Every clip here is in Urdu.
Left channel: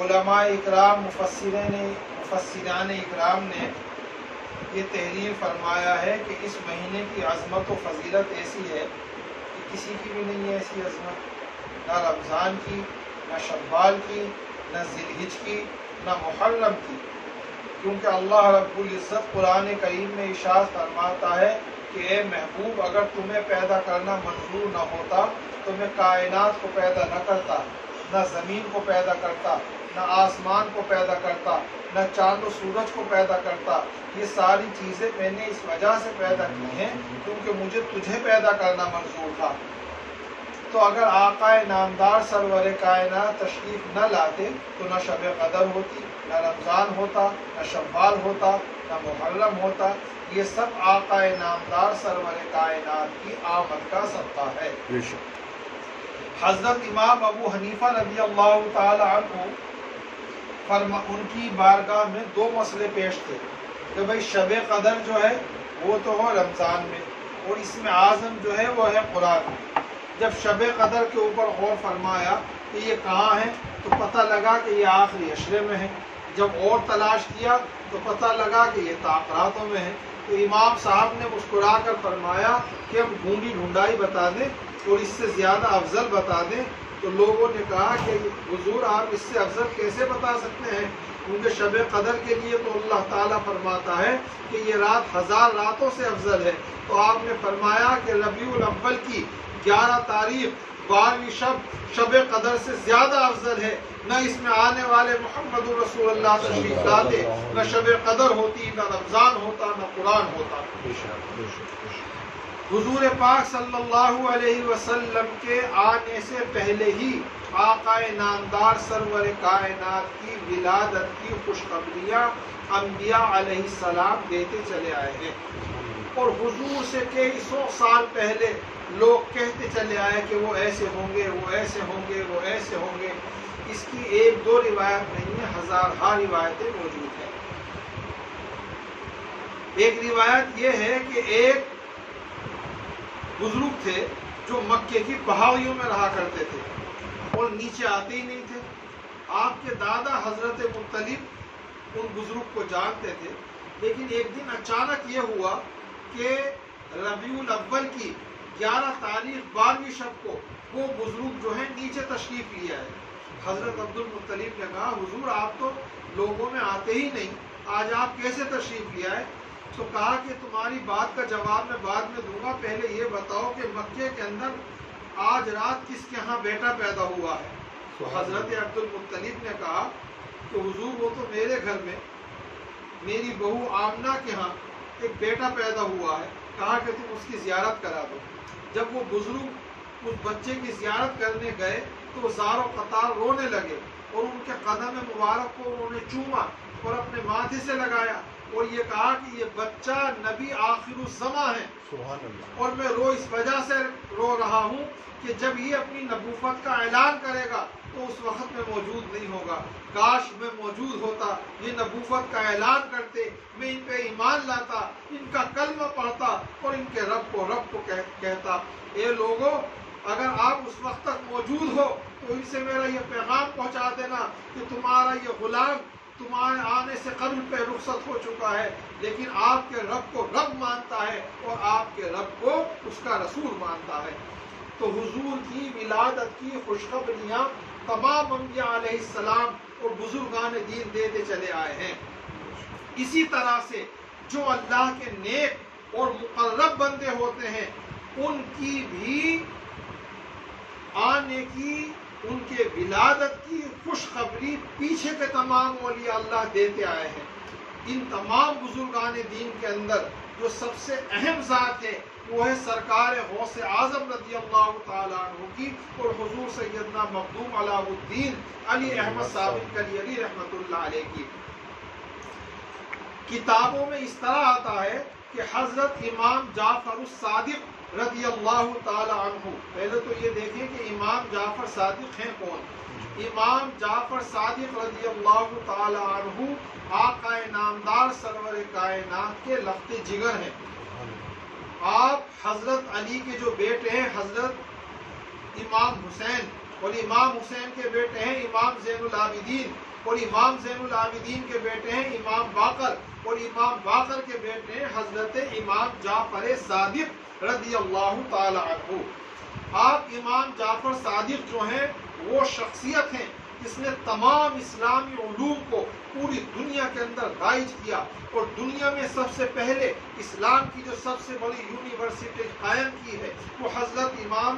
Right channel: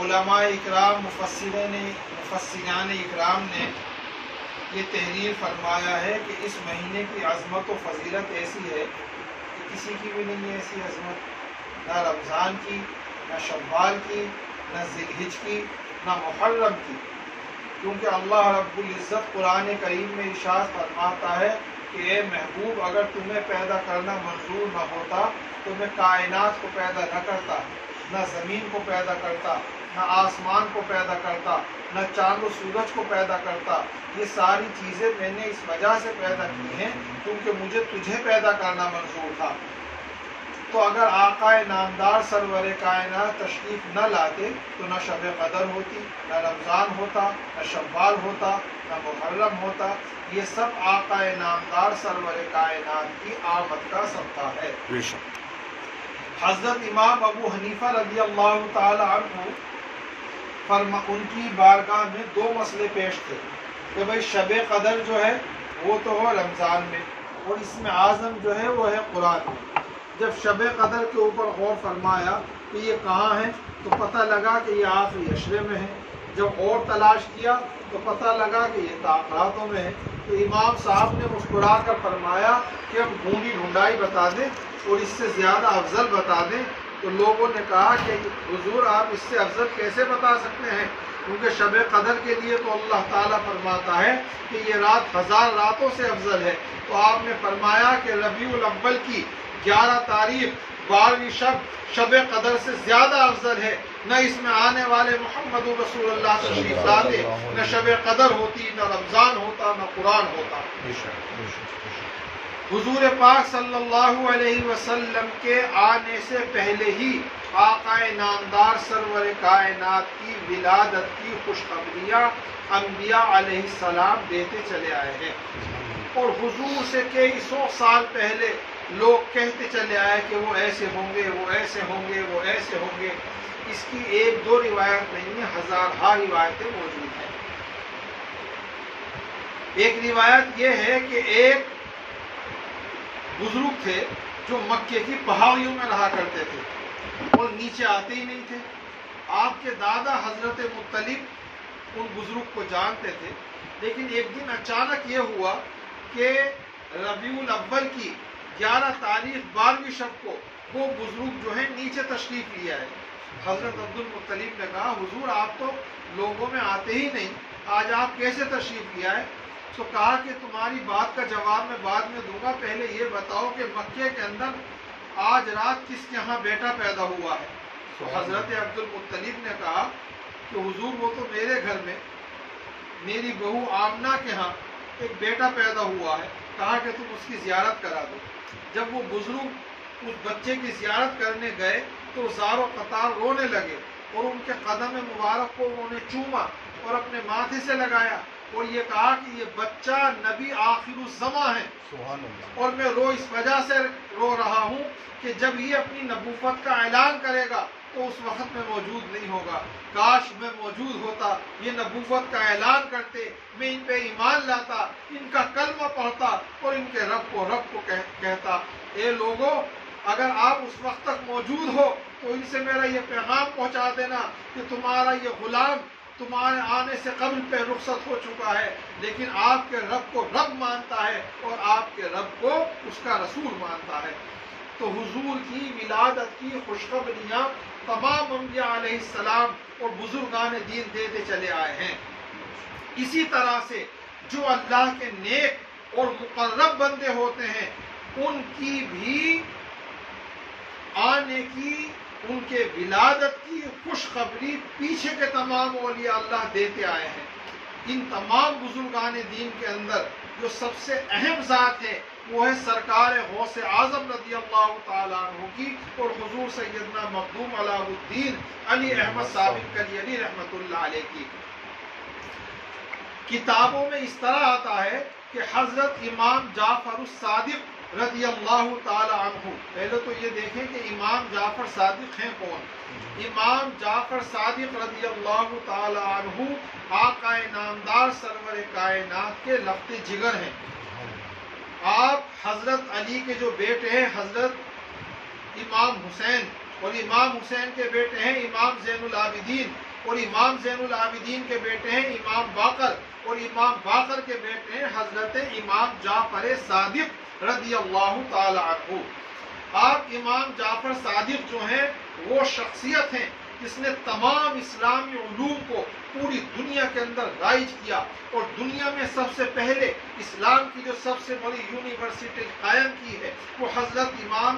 علماء اکرام مفسران اکرام نے یہ تحریر فرمایا ہے کہ اس مہینے کی عظمت و فضیلت ایسی ہے کہ کسی کی بھی نہیں ہے ایسی عظمت، نہ رمضان کی، نہ شوال کی، نہ ذی الحج کی، نہ محرم کی، کیونکہ اللہ رب العزت قرآن کریم میں ارشاد فرماتا ہے کہ اے محبوب، اگر تمہیں پیدا کرنا منظور نہ ہوتا تو میں کائنات کو پیدا نہ کرتا، نہ زمین کو پیدا کرتا، نہ آسمان کو پیدا کرتا، نہ چاند و سورج کو پیدا کرتا۔ یہ ساری چیزیں میں نے اس وجہ سے پیدا کی ہیں کیونکہ مجھے تجھے پیدا کرنا منظور تھا۔ تو اگر آقا نامدار سرور کائنات تشریف نہ لاتے تو نہ شب قدر ہوتی، نہ رمضان ہوتا، نہ شوال ہوتا، نہ محرم ہوتا۔ یہ سب آقا نامدار سرور کائنات کی آمد کا صدقہ ہے۔ حضرت امام ابو حنیفہ رضی اللہ تعالی عنہ ان کی بارگاہ میں دو مسئلے پیش تھے کہ بھئی شب قدر جو ہے وہ تو ہو رمضان میں، اور اس میں اعظم جو ہے وہ ہے قرآن میں۔ جب شب قدر کے اوپر غور فرمایا کہ یہ کہاں ہے تو پتہ لگا کہ یہ آخری عشرے میں ہے۔ جب اور تلاش کیا تو پتہ لگا کہ یہ تاخراتوں میں ہے۔ تو امام صاحب نے مسکرا کر فرمایا کہ ہم ڈھونڈی ڈھونڈائی بتا دیں اور اس سے زیادہ افضل بتا دیں۔ تو لوگوں نے کہا کہ حضور آپ اس سے افضل کیسے بتا سکتے ہیں، کیونکہ شب قدر کے لیے تو اللہ تعالیٰ فرماتا ہے کہ یہ رات 1000 راتوں سے افضل ہے۔ تو آپ نے فرمایا کہ ربیع الاول کی 11 تاریخ 12ویں شب قدر سے زیادہ افضل ہے۔ نہ اس میں آنے والے محمد رسول اللہ تشریف لاتے، نہ شب قدر ہوتی، نہ رمضان ہوتا، نہ قرآن ہوتا۔ حضور پاک صلی اللہ علیہ وسلم کے آنے سے پہلے ہی آقا نامدار سرور کائنات کی ولادت کی خوشخبریاں انبیاء علیہ السلام دیتے چلے آئے ہیں، اور حضور سے کئی 100 سال پہلے لوگ کہتے چلے آئے کہ وہ ایسے ہوں گے، وہ ایسے ہوں گے، وہ ایسے ہوں گے۔ اس کی ایک دو روایت نہیں ہے، ہزارہا روایتیں موجود ہیں۔ ایک روایت یہ ہے کہ ایک بزرگ تھے جو مکے کی پہاڑیوں میں رہا کرتے تھے اور نیچے آتے ہی نہیں تھے۔ آپ کے دادا حضرت مطلب ان بزرگ کو جانتے تھے، لیکن ایک دن اچانک یہ ہوا کہ ربیع الاول کی 11 تاریخ 12ویں شب کو وہ بزرگ جو ہے نیچے تشریف لے آئے۔ حضرت عبد المطلب نے کہا حضور آپ تو لوگوں میں آتے ہی نہیں، آج آپ کیسے تشریف لے آئے؟ تو کہا کہ تمہاری بات کا جواب میں بعد میں دوں گا، پہلے یہ بتاؤ کہ مکے کے اندر آج رات کس کے ہاں بیٹا پیدا ہوا ہے؟ تو حضرت عبد المطلب نے کہا کہ حضور وہ تو میرے گھر میں میری بہو آمنہ کے ہاں ایک بیٹا پیدا ہوا ہے، کہا کہ تم اس کی زیارت کرا دو۔ جب وہ بزرگ اس بچے کی زیارت کرنے گئے تو زار و قطار رونے لگے اور ان کے قدم مبارک کو انہوں نے چوما اور اپنے ماتھے سے لگایا اور یہ کہا کہ یہ بچہ نبی آخر الزماں ہے، سبحان اللہ، اور میں اس وجہ سے رو رہا ہوں کہ جب یہ اپنی نبوت کا اعلان کرے گا تو اس وقت میں موجود نہیں ہوگا۔ کاش میں موجود ہوتا، یہ نبوت کا اعلان کرتے، میں ان پہ ایمان لاتا، ان کا کلمہ پڑھتا اور ان کے رب کو کہتا اے لوگو اگر آپ اس وقت تک موجود ہو تو ان سے میرا یہ پیغام پہنچا دینا کہ تمہارا یہ غلام تمہارے آنے سے قبل پہ رخصت ہو چکا ہے، لیکن آپ کے رب کو رب مانتا ہے اور آپ کے رب کو اس کا رسول مانتا ہے۔ تو حضور کی ولادت کی خوشخبریاں تمام انبیاء علیہ السلام اور بزرگان دین دیتے چلے آئے ہیں۔ اسی طرح سے جو اللہ کے نیک اور مقرب بندے ہوتے ہیں ان کی بھی آنے کی، ان کے ولادت کی خوشخبری پیچھے کے تمام اولیاء اللہ دیتے آئے ہیں۔ ان تمام بزرگان دین کے اندر جو سب سے اہم ذات ہے وہ ہے سرکار غوث اعظم رضی اللہ تعالیٰ عنہ کی اور حضور سیدنا مخدوم علاء الدین علی احمد صاحب کلیلی رحمۃ اللہ علیہ کی۔ کتابوں میں اس طرح آتا ہے کہ حضرت امام جعفر الصادق رضی اللہ تعالی عنہ، پہلے تو یہ دیکھیں کہ امام جعفر صادق ہیں کون؟ امام جعفر صادق رضی اللہ تعالی عنہ آقا نامدار سرور کائنات کے لخت جگر ہیں۔ آپ حضرت علی کے جو بیٹے ہیں حضرت امام حسین اور امام حسین کے بیٹے ہیں امام زین العابدین، اور امام زین العابدین کے بیٹے ہیں امام باقر، اور امام باقر کے بیٹے ہیں حضرت امام جعفر صادق رضی اللہ تعالی عنہ۔ آپ امام جعفر صادق جو ہیں وہ شخصیت ہیں جس نے تمام اسلامی علوم کو پوری دنیا کے اندر رائج کیا، اور دنیا میں سب سے پہلے اسلام کی جو سب سے بڑی یونیورسٹی قائم کی ہے وہ حضرت امام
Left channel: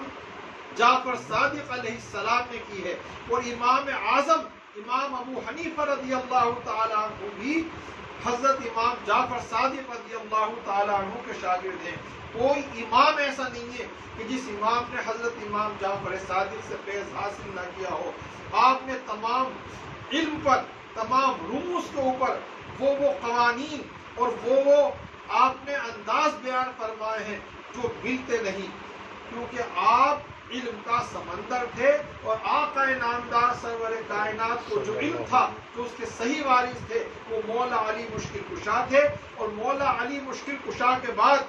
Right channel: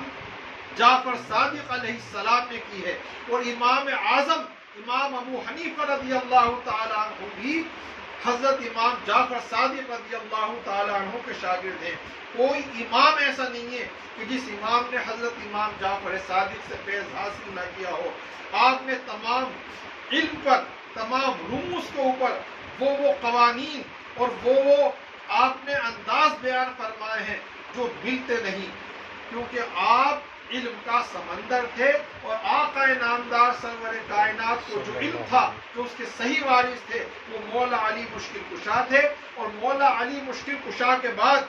جعفر صادق علیہ السلام نے کی ہے، اور امام اعظم امام ابو حنیفہ رضی اللہ تعالی عنہ بھی حضرت امام جعفر صادق رضی اللہ تعالی عنہ کے شاگرد ہیں۔ کوئی امام ایسا نہیں ہے کہ جس امام نے حضرت امام جعفر صادق سے فیض حاصل نہ کیا ہو۔ آپ نے تمام علم پر، تمام رموز کے اوپر وہ قوانین اور وہ آپ نے انداز بیان فرمائے ہیں جو ملتے نہیں، کیونکہ آپ علم کا سمندر تھے، اور آقا نامدار سرور کائنات کو جو علم تھا، جو اس کے صحیح وارث تھے، وہ مولا علی مشکل کشا تھے، اور مولا علی مشکل کشا کے بعد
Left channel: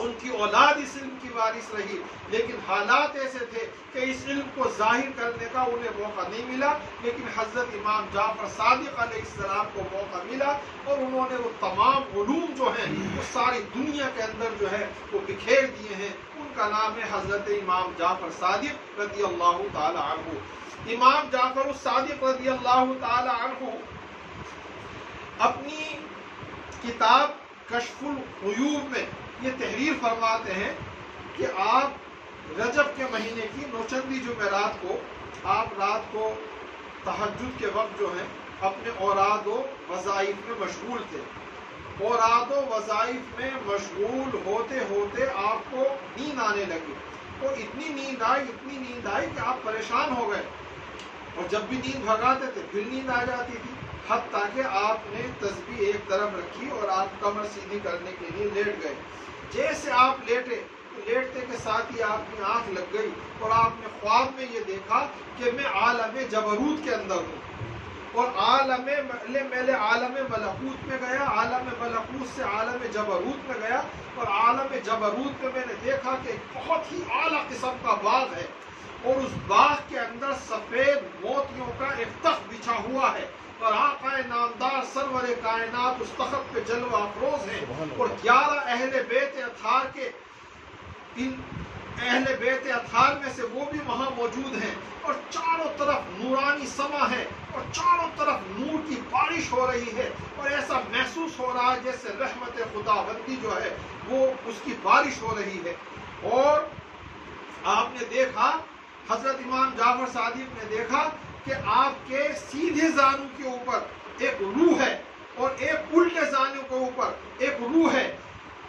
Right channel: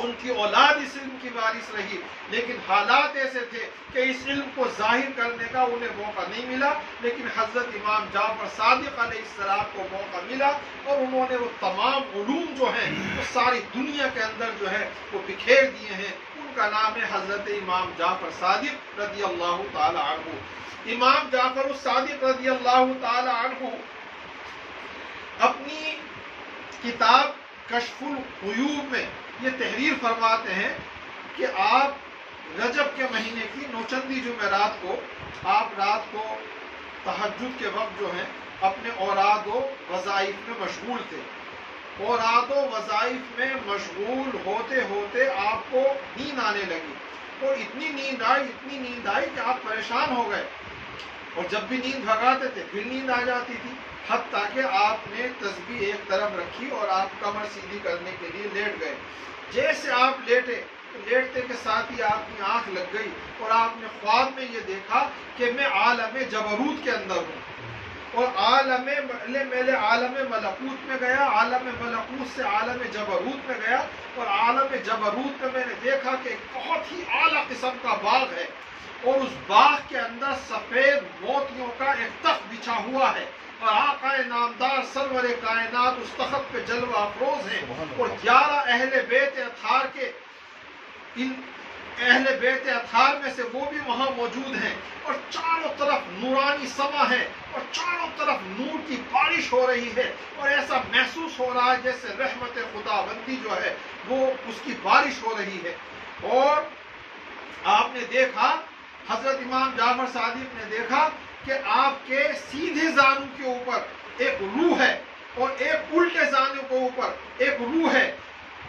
ان کی اولاد اس علم کی وارث رہی، لیکن حالات ایسے تھے کہ اس علم کو ظاہر کرنے کا انہیں موقع نہیں ملا، لیکن حضرت امام جعفر صادق علیہ السلام کو موقع ملا، اور انہوں نے وہ تمام علوم جو ہیں وہ ساری دنیا کے اندر جو ہے وہ بکھیر دیے ہیں۔ ان کا نام ہے حضرت امام جعفر صادق رضی اللہ تعالی عنہ۔ امام جعفر الصادق رضی اللہ تعالی عنہ اپنی کتاب کشف الغیوب میں یہ تحریر فرماتے ہیں کہ آپ رجب کے مہینے کی نوچندی جمعرات کو آپ رات کو تہجد کے وقت جو ہے اپنے اوراد و وظائف میں مشغول تھے۔ اوراد و وظائف میں مشغول ہوتے ہوتے آپ کو نیند آنے لگی، اور اتنی نیند آئی کہ آپ پریشان ہو گئے، اور جب بھی نیند بھگاتے تھے پھر نیند آ جاتی تھی، حتیٰ کہ آپ نے تسبیح ایک طرف رکھی اور آپ کمر سیدھی کرنے کے لیے لیٹ گئے۔ جیسے آپ لیٹے تو لیٹتے کے ساتھ ہی آپ کی آنکھ لگ گئی، اور آپ نے خواب میں یہ دیکھا کہ میں عالم جبروت کے اندر ہوں، اور میں عالم ملکوت میں گیا، عالم ملکوت سے عالم جبروت میں گیا، اور عالم جبروت میں نے دیکھا کہ ایک بہت ہی اعلیٰ قسم کا باغ ہے، اور اس باغ کے اندر سفید موتیوں کا ایک تخت بچھا ہوا ہے، اور آقا نامدار سرور کائنات اس تخت پہ جلوہ افروز ہیں، اور 11 اہل بیت اطہار کے ان اہل بیت اطہار میں سے وہ بھی وہاں موجود ہیں، اور چاروں طرف نورانی سما ہے، اور چاروں طرف نور کی بارش ہو رہی ہے، اور ایسا محسوس ہو رہا ہے جیسے رحمت خداوندی جو ہے وہ اس کی بارش ہو رہی ہے۔ اور آپ نے دیکھا، حضرت امام جعفر صادق نے دیکھا کہ آپ کے سیدھے زانو کے اوپر ایک روح ہے، اور ایک الٹے زانو کے اوپر ایک روح ہے،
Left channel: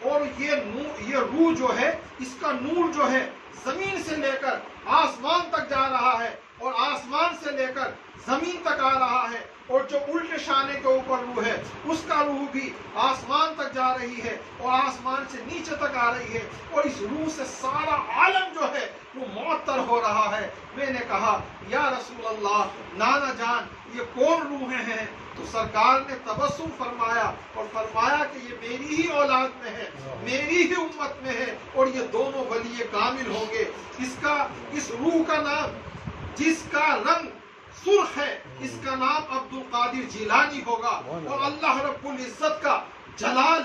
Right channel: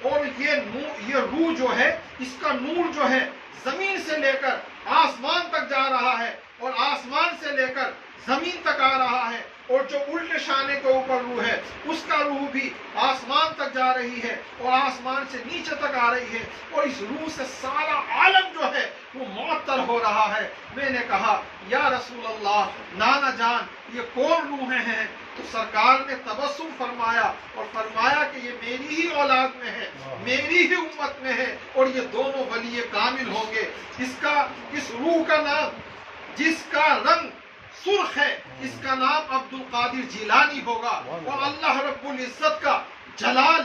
اور یہ روح جو ہے اس کا نور جو ہے زمین سے لے کر آسمان تک جا رہا ہے، اور آسمان سے لے کر زمین تک آ رہا ہے، اور جو الٹے شانے کے اوپر روح ہے اس کا روح بھی آسمان تک جا رہی ہے، اور آسمان سے نیچے تک آ رہی ہے، اور اس روح سے سارا عالم جو ہے وہ معطر ہو رہا ہے۔ میں نے کہا یا رسول اللہ، نانا جان یہ کون روحیں ہیں؟ تو سرکار نے تبسم فرمایا اور فرمایا کہ یہ میری ہی اولاد میں ہے، میری ہی امت میں ہے، اور یہ دونوں ولی کامل ہوں گے۔ اس روح کا نام، جس کا رنگ سرخ ہے، اس کا نام عبد القادر جیلانی ہوگا، اور اللہ رب العزت کا جلال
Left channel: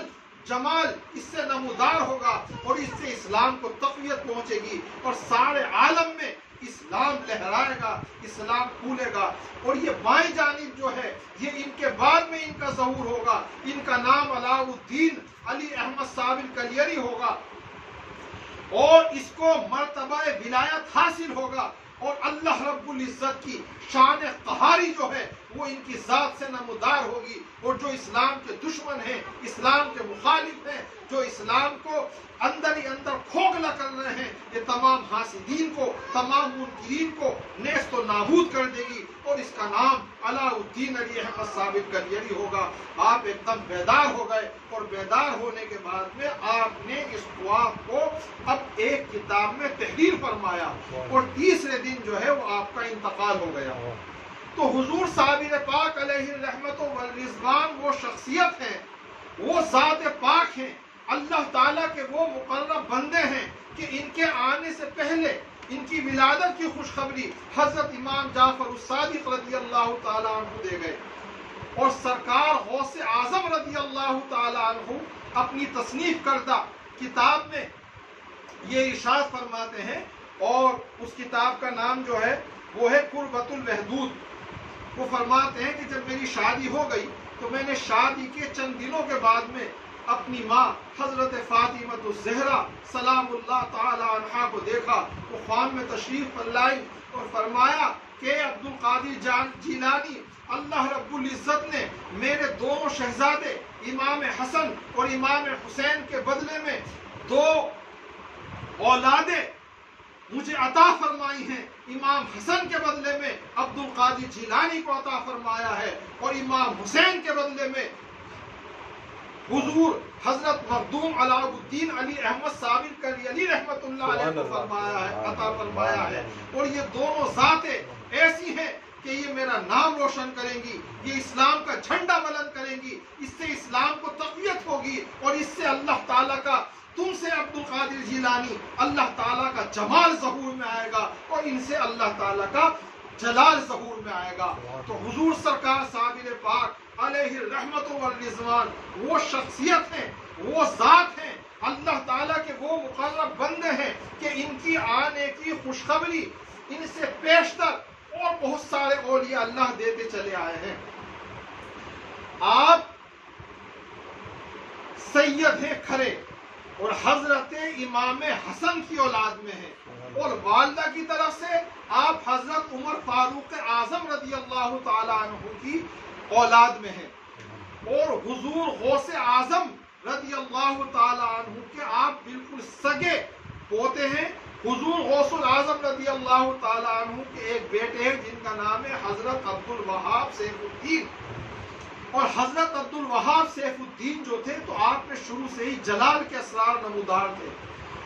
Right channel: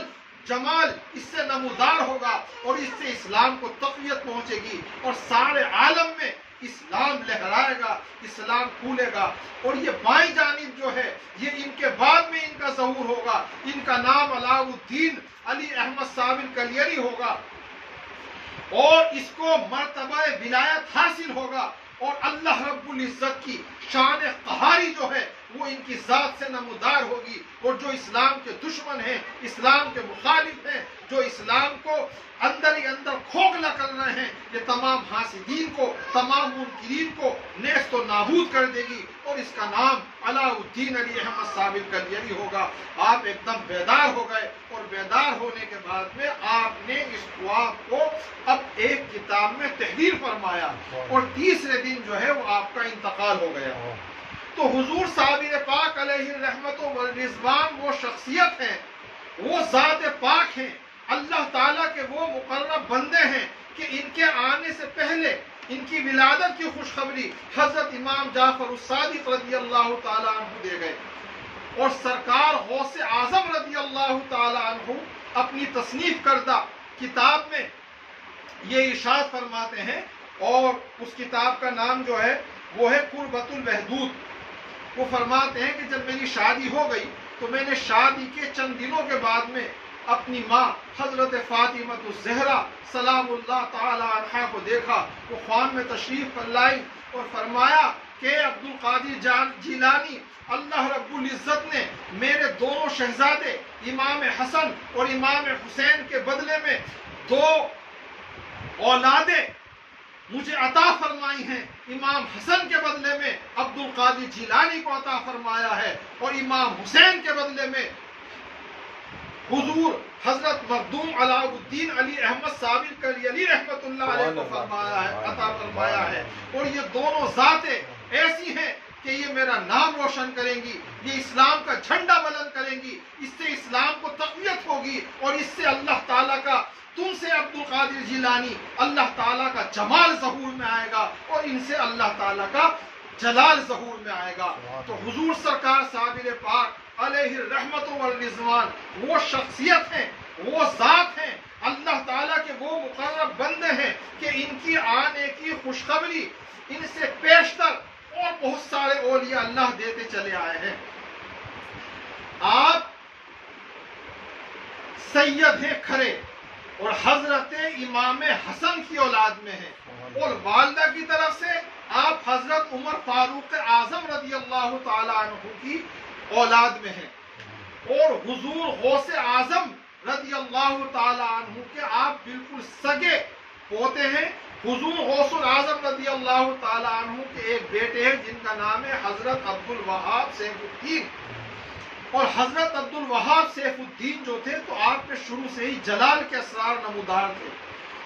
جمال اس سے نمودار ہوگا، اور اس سے اسلام کو تقویت پہنچے گی، اور سارے عالم میں اسلام لہرائے گا، اسلام پھولے گا۔ اور یہ بائیں جانب جو ہے یہ ان کے بعد میں ان کا ظہور ہوگا، ان کا نام علاء الدین علی احمد صابر کلیری ہوگا، اور اس کو مرتبہ ولایت حاصل ہوگا، اور اللہ رب العزت کی شان قہاری جو ہے وہ ان کی ذات سے نمودار ہوگی، اور جو اسلام کے دشمن ہیں، اسلام کے مخالف ہیں، جو اسلام کو اندر ہی اندر کھوکھلا کر رہے ہیں، یہ تمام حاسدین کو، تمام منکرین کو نیست و نابود کر دے گی، اور اس کا نام علاء الدین علی احمد صابر کلیری ہوگا۔ آپ ایک دم بیدار ہو گئے، اور بیدار ہونے کے بعد میں آپ نے اس خواب کو اب ایک کتاب میں تحریر فرمایا، اور تیسرے دن جو ہے وہ آپ کا انتقال ہو گیا۔ تو حضور صابر پاک علیہ الرحمت والرضوان وہ شخصیت ہیں، وہ ذات پاک ہیں، اللہ تعالیٰ کے وہ مقرب بندے ہیں کہ ان کے آنے سے پہلے ان کی ولادت کی خوشخبری حضرت امام جعفر الصادق رضی اللہ تعالیٰ عنہ دے گئے، اور سرکار غوث اعظم رضی اللہ تعالیٰ عنہ اپنی تصنیف کردہ کتاب میں یہ ارشاد فرماتے ہیں، اور اس کتاب کا نام جو ہے وہ ہے قربۃ الوحدود۔ وہ فرماتے ہیں کہ جب میری شادی ہو گئی تو میں نے شادی کے چند دنوں کے بعد میں اپنی ماں حضرت فاطمہ الزہرا سلام اللہ تعالی عنہا کو دیکھا، وہ خوان میں تشریف لائی اور فرمایا کہ عبد القادر جیلانی، اللہ رب العزت نے میرے دونوں شہزادے امام حسن اور امام حسین کے بدلے میں 2 اولادیں مجھے عطا فرمائی ہیں۔ امام حسن کے بدلے میں عبد القادر جیلانی کو عطا فرمایا ہے، اور امام حسین کے بدلے میں حضور حضرت مخدوم علاء الدین علی احمد صابر کلیلی رحمت اللہ علیہ کو فرمایا ہے، عطا فرمایا ہے۔ اور یہ دونوں ذاتیں ایسی ہیں کہ یہ میرا نام روشن کریں گی، یہ اسلام کا جھنڈا بلند کریں گی، اس سے اسلام کو تقویت ہوگی، اور اس سے اللہ تعالیٰ کا، تم سے عبد القادر جیلانی، اللہ تعالیٰ کا جمال ظہور میں آئے گا، اور ان سے اللہ تعالیٰ کا جلال ظہور میں آئے گا۔ تو حضور سرکار صابر پاک علیہ الرحمت والرضوان وہ شخصیت ہیں، وہ ذات ہیں، اللہ تعالیٰ کے وہ مقرب بندے ہیں کہ ان کی آنے کی خوشخبری ان سے پیشتر اور بہت سارے اولیاء اللہ دیتے چلے آئے ہیں۔ آپ سید ہیں کھرے، اور حضرت امام حسن کی اولاد میں ہیں، اور والدہ کی طرف سے آپ حضرت عمر فاروق اعظم رضی اللہ تعالی عنہ کی اولاد میں ہیں، اور حضور غوث اعظم رضی اللہ تعالی عنہ کے آپ بالکل سگے پوتے ہیں۔ حضور غوث اعظم رضی اللہ تعالی عنہ کے ایک بیٹے ہیں جن کا نام ہے حضرت عبد الوہاب سیف الدین، اور حضرت عبد الوہاب سیف الدین جو تھے تو آپ میں شروع سے ہی جلال کے اسرار نمودار تھے،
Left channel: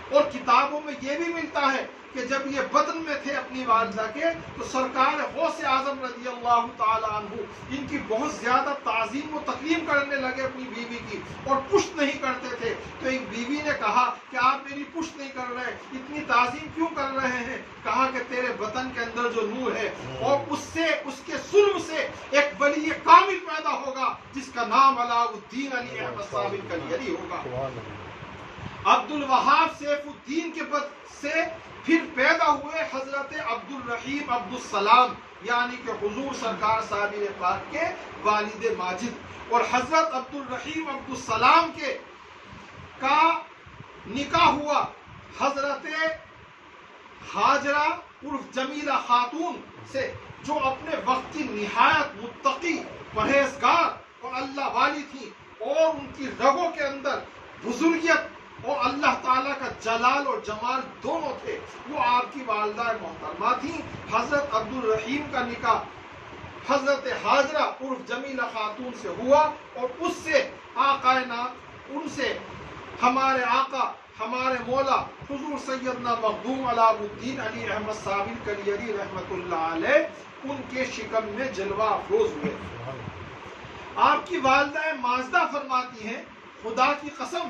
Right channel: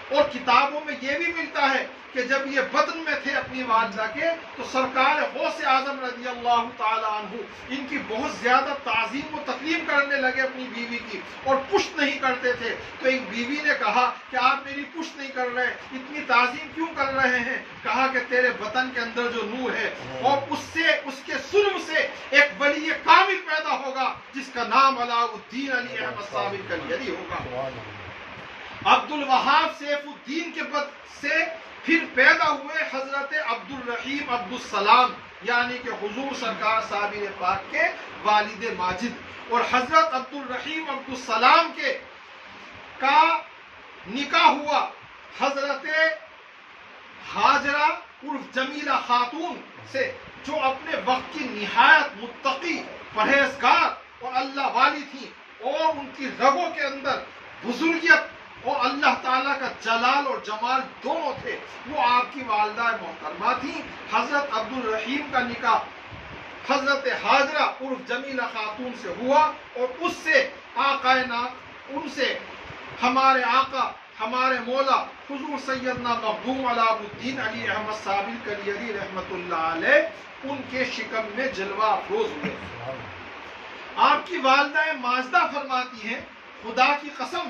اور کتابوں میں یہ بھی ملتا ہے کہ جب یہ بطن میں تھے اپنی والدہ کے تو سرکار غوث اعظم رضی اللہ تعالی عنہ ان کی بہت زیادہ تعظیم و تکریم کرنے لگے اپنی بیوی کی، اور پشت نہیں کرتے تھے۔ تو ایک بیوی نے کہا کہ آپ میری پشت نہیں کر رہے، اتنی تعظیم کیوں کر رہے ہیں؟ کہا کہ تیرے بطن کے اندر جو نور ہے، اور اس کے سلم سے ایک ولی کامل پیدا ہوگا جس کا نام علاء الدین علی احمد صابر کلیلی ہوگا۔ عبد الوہاب سیف الدین کے بعد سے پھر پیدا ہوئے حضرت عبد الرحیم عبد السلام، یعنی کہ حضور سرکار صابر پاک کے والد ماجد، اور حضرت عبد الرحیم عبد السلام کا نکاح ہوا حضرت ہاجرہ عرف جمیلہ خاتون سے، جو اپنے وقت کی نہایت متقی، پرہیزگار اور اللہ والی تھی، اور ان کی رگوں کے اندر بزرگیت اور اللہ تعالیٰ کا جلال اور جمال دونوں تھے۔ وہ آپ کی والدہ محترمہ تھیں۔ حضرت عبد الرحیم کا نکاح حضرت ہاجرہ عرف جمیلہ خاتون سے ہوا، اور اس سے ان سے ہمارے آقا، ہمارے مولا حضور سیدنا مخدوم علاء الدین علی احمد صابر کلیلی رحمت اللہ علیہ ان کے شکم میں جلوہ افروز ہوئے۔ آپ کی والدہ ماجدہ فرماتی ہیں، خدا کی قسم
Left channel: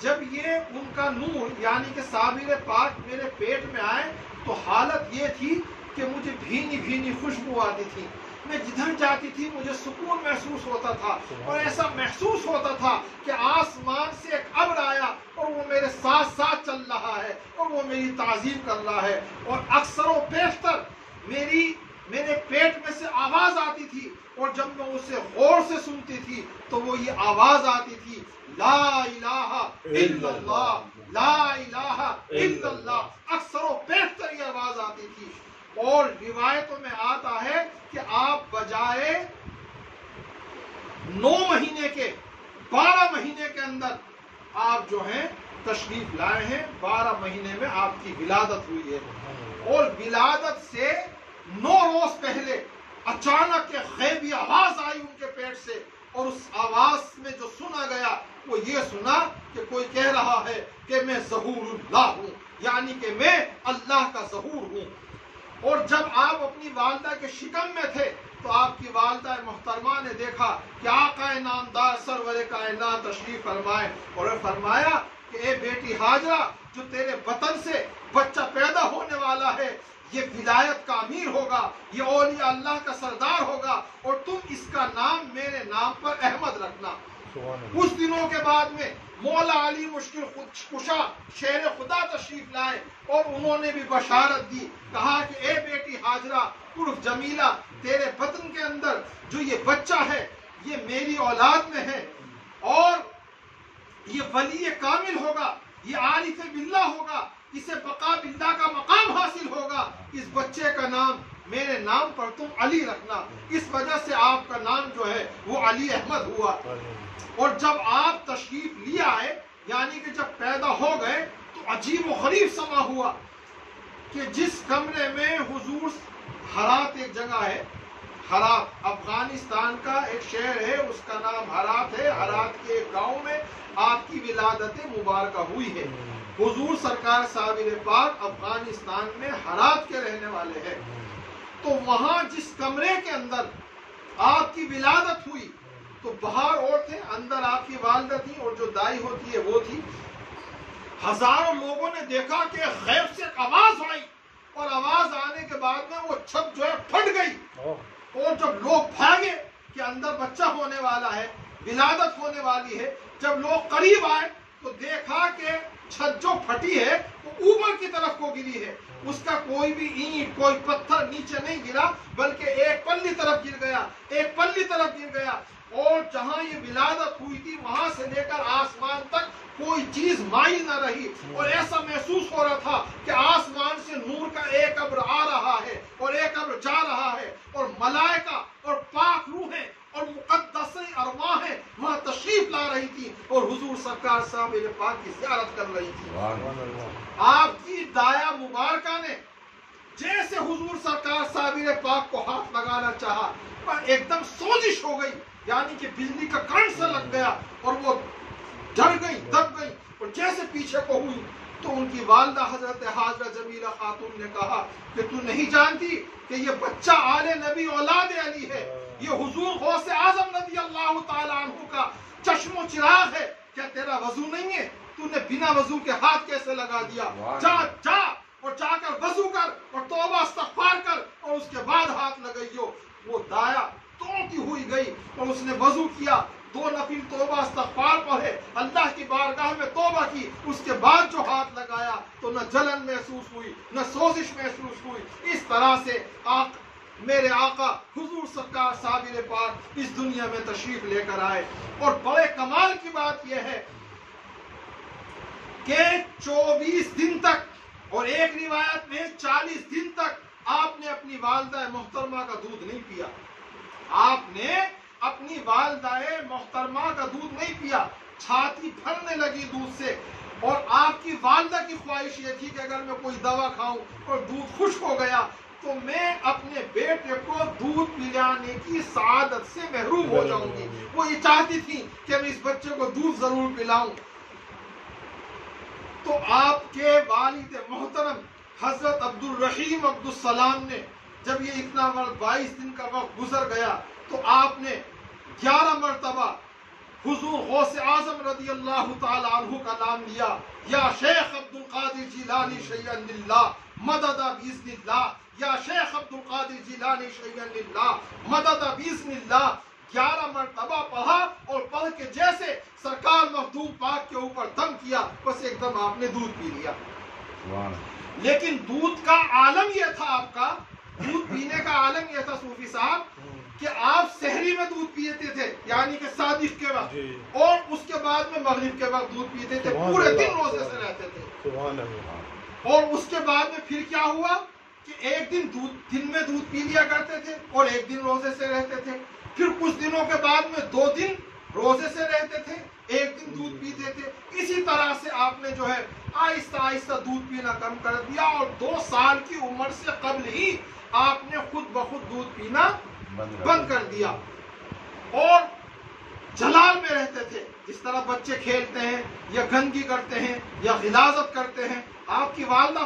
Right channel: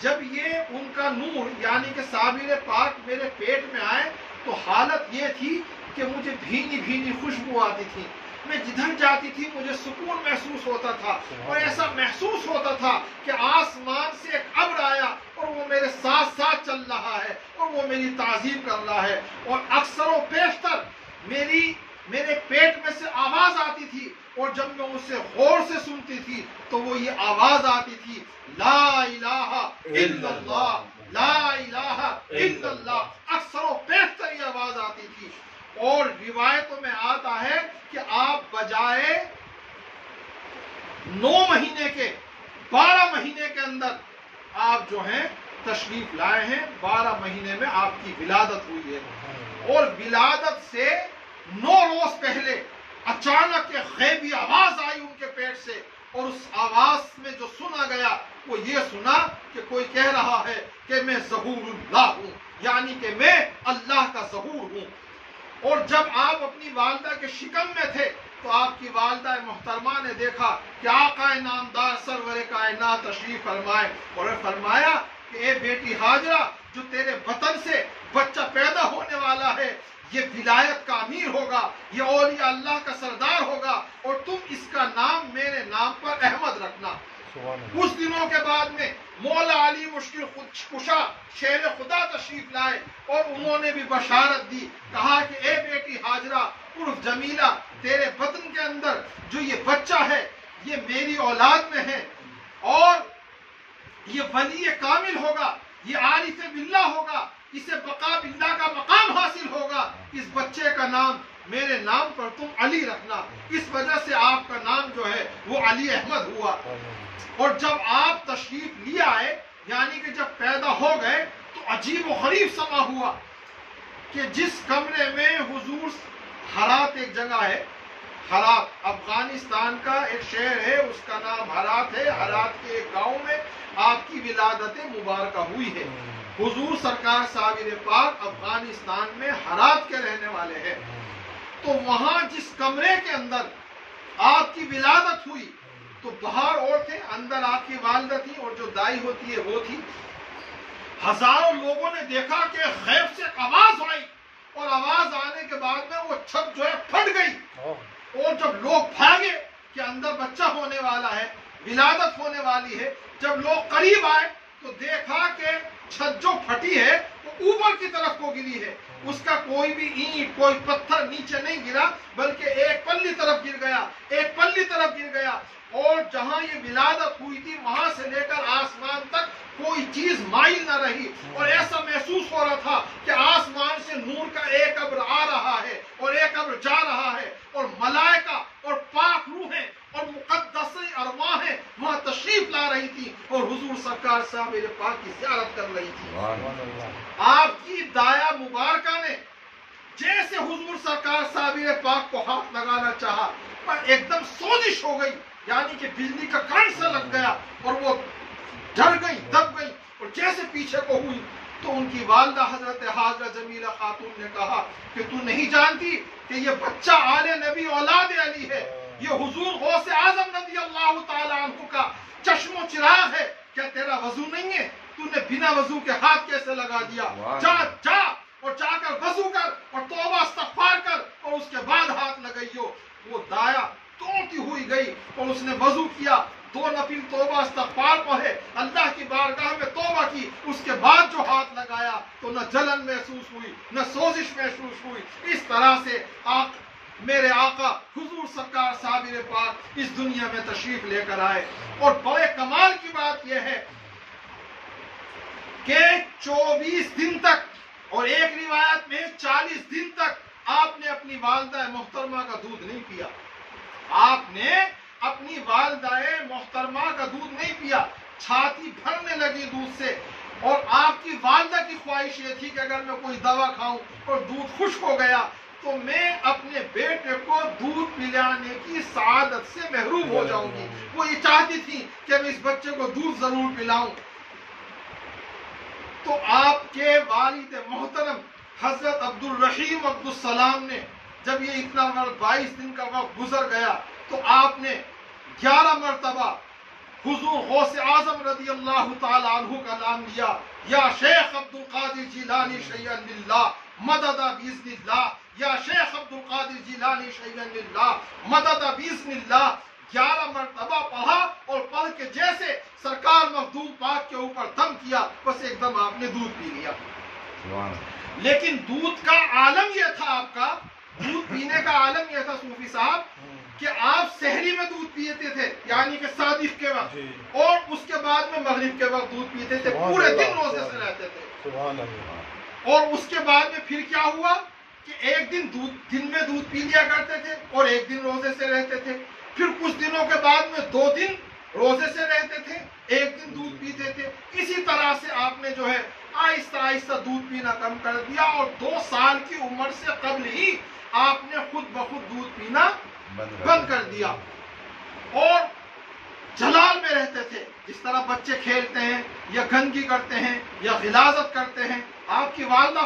جب یہ ان کا نور یعنی کہ صابر پاک میرے پیٹ میں آئے تو حالت یہ تھی کہ مجھے بھینی بھینی خوشبو آتی تھی، میں جدھر جاتی تھی مجھے سکون محسوس ہوتا تھا، اور ایسا محسوس ہوتا تھا کہ آسمان سے ایک ابر آیا اور وہ میرے ساتھ ساتھ چل رہا ہے اور وہ میری تعظیم کر رہا ہے، اور اکثر و بیشتر میرے پیٹ میں سے آواز آتی تھی، اور جب میں اسے غور سے سنتی تھی تو وہ یہ آواز آتی تھی، لا الہ الا اللہ، لا الہ الا اللہ، اکثر و بیشتر یہ آواز آتی تھی۔ اور روایتوں میں آتا ہے کہ آپ بجائے 9 مہینے کے 12 مہینے کے اندر آپ جو ہیں تشریف لائے ہیں، 12 مہینے میں آپ کی ولادت ہوئی ہے، اور ولادت سے 9 روز پہلے اچانک ایک غیبی آواز آئی ان کے پیٹ سے، اور اس آواز میں جو سنا گیا وہ یہ سنا کہ کوئی کہہ رہا ہے کہ میں ظہور اللہ ہوں، یعنی کہ میں اللہ کا ظہور ہوں۔ اور جب آپ اپنی والدہ کے شکم میں تھے تو آپ کی والدہ محترمہ نے دیکھا کہ آقا نامدار سرور کائنات تشریف فرمائے، اور فرمایا کہ اے بیٹی ہاجرہ، جو تیرے بطن سے بچہ پیدا ہونے والا ہے یہ ولایت کا امیر ہوگا، یہ اولیاء اللہ کا سردار ہوگا، اور تم اس کا نام میرے نام پر احمد رکھنا۔ کچھ دنوں کے بعد میں مولا علی مشکل کشا شیر خدا تشریف لائے اور انہوں نے بھی بشارت دی، کہا کہ اے بیٹی ہاجرہ عرف جمیلہ، تیرے بطن کے اندر جو یہ بچہ ہے یہ میری اولاد میں ہے، اور یہ ولی کامل ہوگا، یہ عارف باللہ ہوگا، اسے بقا باللہ کا مقام حاصل ہوگا، اس بچے کا نام میرے نام پر تم علی رکھنا۔ اس وجہ سے آپ کا نام جو ہے وہ علی احمد ہوا۔ اور جب آپ تشریف لے آئے، یعنی کہ جب پیدا ہو گئے، تو عجیب و غریب سما ہوا کہ جس کمرے میں حضور، ہرات ایک جگہ ہے، ہرات افغانستان کا ایک شہر ہے، اس کا نام ہرات ہے، ہرات کے ایک گاؤں میں آپ کی ولادت مبارکہ ہوئی ہے۔ حضور سرکار صابر پاک افغانستان میں ہرات کے رہنے والے ہیں، تو وہاں جس کمرے کے اندر آپ کی ولادت ہوئی تو باہر اور تھے، اندر آپ کی والدہ تھی، اور جو دائی ہوتی ہے وہ تھی۔ ہزاروں لوگوں نے دیکھا کہ غیب سے آواز آئی، اور آواز آنے کے بعد میں وہ چھت جو ہے پھٹ گئی، اور جب لوگ بھاگے کہ اندر بچہ ہونے والا ہے، ولادت ہونے والی ہے، جب لوگ قریب آئے تو دیکھا کہ چھت جو پھٹی ہے وہ اوپر کی طرف کو گری ہے، اس کا کوئی بھی اینٹ کوئی پتھر نیچے نہیں گرا، بلکہ ایک پلی طرف گر گیا، ایک پلی طرف گر گیا، اور جہاں یہ ولادت ہوئی تھی وہاں سے لے کر آسمان تک کوئی چیز مائل نہ رہی، اور ایسا محسوس ہو رہا تھا کہ آسمان سے نور کا ایک ابر آ رہا ہے اور ایک ابر جا رہا ہے، اور ملائکہ اور پاک روحیں اور مقدس ارواحیں وہاں تشریف لا رہی تھی، اور حضور سرکار صاحب پاک کی زیارت کر رہی تھی۔ آپ کی دایا مبارکہ نے جیسے حضور سرکار صابر پاک کو ہاتھ لگانا چاہا، پر ایک دم سوزش ہو گئی، یعنی کہ بجلی کا کرنٹ سے لگ گیا، اور وہ ڈر گئی، دب گئی، اور جیسے پیچھے کو ہوئی تو ان کی والدہ حضرت حاجرہ جمیلہ خاتون نے کہا کہ تو نہیں جانتی کہ یہ بچہ آل نبی اولاد علی ہے، یہ حضور غوث اعظم رضی اللہ تعالی عنہ کا چشم و چراغ ہے، کیا تیرا وضو نہیں ہے؟ تو نے بنا وضو کے ہاتھ کیسے لگا دیا؟ جا جا اور جا کر وضو کر اور توبہ استغفار کر اور اس کے بعد ہاتھ لگائیو۔ وہ دایا توڑتی ہوئی گئی اور اس نے وضو کیا، 2 نفل توبہ استغفار پڑھے، اللہ کی بارگاہ میں توبہ کی، اس کے بعد جو ہاتھ لگایا تو نہ جلن محسوس ہوئی نہ سوزش محسوس ہوئی۔ اس طرح سے میرے آقا حضور سرکار صابر پاک اس دنیا میں تشریف لے کر آئے، اور بڑے کمال کی بات یہ ہے کہ 24 دن تک، اور ایک روایت میں 40 دن تک آپ نے اپنی والدہ محترمہ کا دودھ نہیں پیا، آپ نے اپنی والدہ محترمہ کا دودھ نہیں پیا، چھاتی بھرنے لگی دودھ سے، اور آپ کی والدہ کی خواہش یہ تھی کہ اگر میں کوئی دوا کھاؤں اور دودھ خشک ہو گیا تو میں اپنے بیٹے کو دودھ پلانے کی سعادت سے محروم ہو جاؤں گی، وہ یہ چاہتی تھی کہ میں اس بچے کو دودھ ضرور پلاؤں۔ تو آپ کے والد محترم حضرت عبد الرحیم عبد السلام نے جب یہ اتنا 22 دن کا وقت گزر گیا تو آپ نے 11 مرتبہ حضور غوث اعظم رضی اللہ تعالی عنہ کا نام لیا، یا شیخ عبد القادر جیلانی شیئا للہ مدد باذن اللہ، یا شیخ عبد القادر جیلانی شیئا للہ مدد باذن اللہ۔ 11 مرتبہ پڑھا، اور پڑھ کے جیسے سرکار مخدوم پاک کے اوپر دم کیا، بس ایک دم آپ نے دودھ پی لیا۔ لیکن دودھ کا عالم یہ تھا، آپ کا دودھ پینے کا عالم یہ تھا صوفی صاحب کہ آپ سحری میں دودھ پیتے تھے، یعنی کہ صادق کے وقت، اور اس کے بعد میں مغرب کے وقت دودھ پیتے تھے، پورے دن روزے سے رہتے تھے۔ اور اس کے بعد میں پھر کیا ہوا کہ ایک دن دن میں دودھ پی لیا کرتے تھے اور ایک دن روزے سے رہتے تھے، پھر کچھ دنوں کے بعد میں 2 دن روزے سے رہتے تھے، ایک دن دودھ پیتے تھے۔ اسی طرح سے آپ نے جو ہے آہستہ آہستہ دودھ پینا کم کر دیا، اور 2 سال کی عمر سے قبل ہی آپ نے خود بخود دودھ پینا بند کر دیا، اور جلال میں رہتے تھے، جس طرح بچے کھیلتے ہیں یا گندگی کرتے ہیں یا غلاظت کرتے ہیں۔ آپ کی والدہ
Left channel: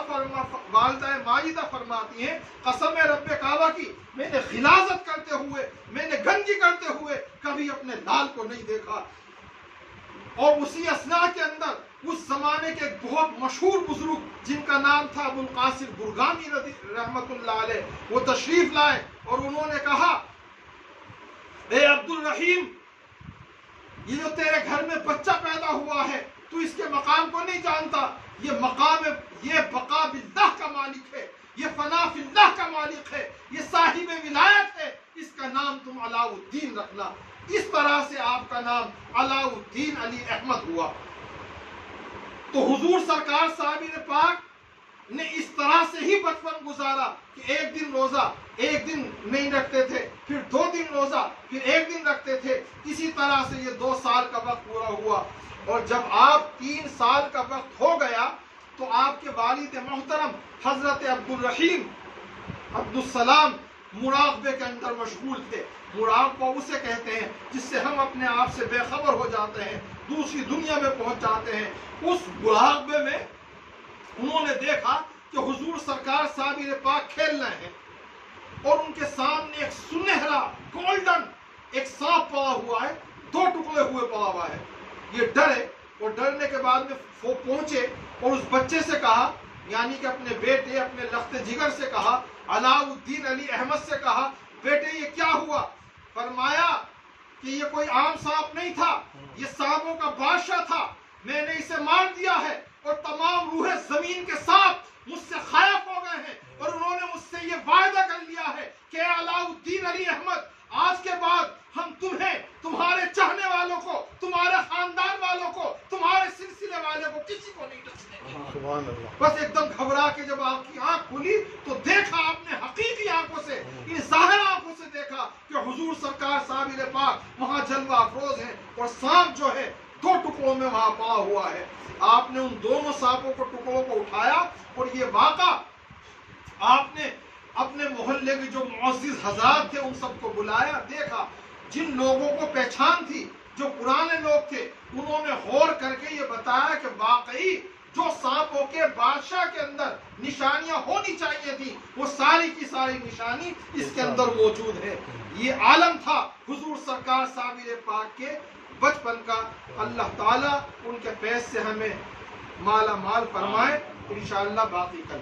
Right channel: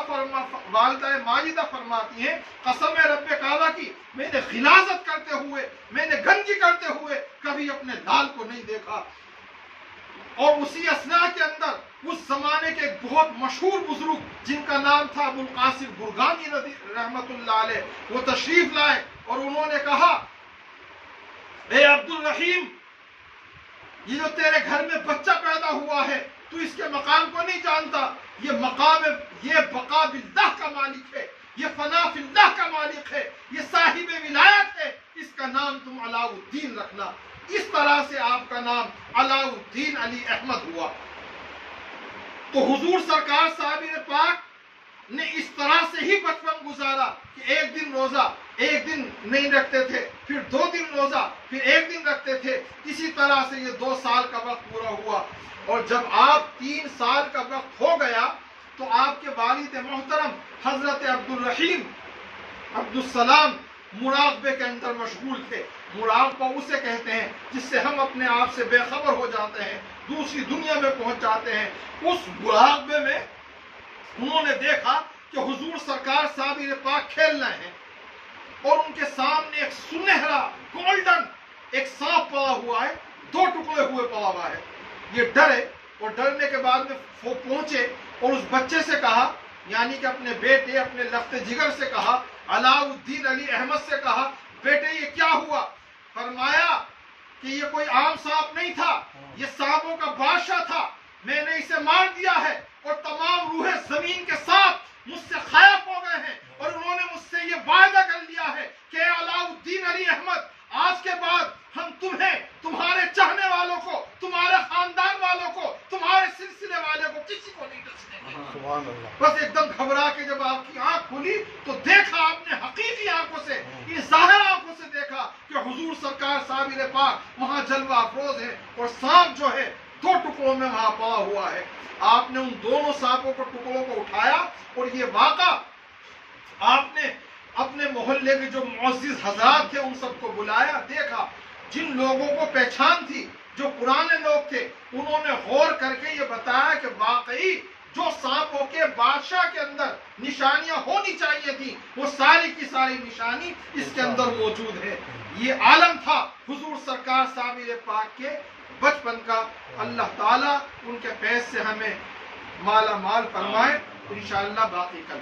ماجدہ فرماتی ہیں، قسم رب کعبہ کی، میں نے غلاظت کرتے ہوئے، میں نے گندگی کرتے ہوئے کبھی اپنے لال کو نہیں دیکھا۔ اور اسی اسنا کے اندر اس زمانے کے ایک بہت مشہور بزرگ جن کا نام تھا ابو القاسم برگانی رحمت اللہ علیہ، وہ تشریف لائے اور انہوں نے کہا اے عبد الرحیم، یہ جو تیرے گھر میں بچہ پیدا ہوا ہے تو اس کے مقام کو نہیں جانتا؟ یہ مقام، یہ بقا باللہ کا مالک ہے، یہ فنا فی اللہ کا مالک ہے، یہ صاحب ولایت ہے، اس کا نام تم علاء الدین رکھنا۔ اس طرح سے آپ کا نام علاء الدین علی احمد ہوا۔ تو حضور سرکار صابر پاک نے اس طرح سے ہی بچپن گزارا کہ ایک دن روزہ، ایک دن نہیں رکھتے تھے، پھر 2 دن روزہ، پھر 1 دن رکھتے تھے۔ اسی طرح سے یہ 2 سال کا وقت پورا ہوا، اور جب آپ 3 سال کا وقت ہو گیا تو آپ کے والد محترم حضرت عبد الرحیم عبدالسلام مراقبے کے اندر مشغول تھے۔ مراقبہ اسے کہتے ہیں جس سے ہم اپنے آپ سے بے خبر ہو جاتے ہیں، دوسری دنیا میں پہنچ جاتے ہیں۔ اس مراقبے میں انہوں نے دیکھا کہ حضور سرکار صابر پاک کھیل رہے ہیں اور ان کے سامنے ایک سنہرا گولڈن ایک سانپ پڑا ہوا ہے، 2 ٹکڑے ہوئے پڑا ہوا ہے۔ یہ ڈرے اور ڈرنے کے بعد میں وہ پہنچے اور اس بچے سے کہا، یعنی کہ اپنے بیٹے، اپنے لخت جگر سے کہا، علاء الدین علی احمد سے کہا، بیٹے یہ کیا ہوا؟ فرمایا کہ یہ کوئی عام سانپ نہیں تھا، یہ سانپوں کا بادشاہ تھا، میں نے اسے مار دیا ہے اور تمام روحیں زمین کے ساتھ مجھ سے خائف ہو گئے ہیں، اور انہوں نے مجھ سے یہ وعدہ کر لیا ہے کہ علاء الدین علی احمد آج کے بعد ہم تمہیں، تمہارے چاہنے والوں کو، تمہارے خاندان والوں کو، تمہارے سلسلے والے کو کسی کو نہیں ڈسنے دیں۔ بس ایک دم گھبرا کے جب آپ کی آنکھ کھلی تو دیکھا آپ نے حقیقی آنکھوں سے، یہ ظاہر آنکھوں سے دیکھا کہ حضور سرکار صابر پاک وہاں جلوہ افروز ہیں اور سانپ جو ہے 2 ٹکڑوں میں وہاں پڑا ہوا ہے۔ آپ نے ان دونوں سانپوں کو، ٹکڑوں کو اٹھایا اور یہ واقعہ آپ نے اپنے محلے کے جو معزز حضرات تھے ان سب کو بلایا، دیکھا۔ جن لوگوں کو پہچان تھی، جو پرانے لوگ تھے، انہوں نے غور کر کے یہ بتایا کہ واقعی جو سانپوں کے بادشاہ کے اندر نشانیاں ہونی چاہیے تھی وہ ساری کی ساری نشانی اس کے اندر موجود ہے۔ یہ عالم تھا حضور سرکار صابر پاک کے بچپن کا۔ اللہ تعالیٰ ان کے فیض سے ہمیں مالا مال فرمائے، انشاءاللہ باقی کل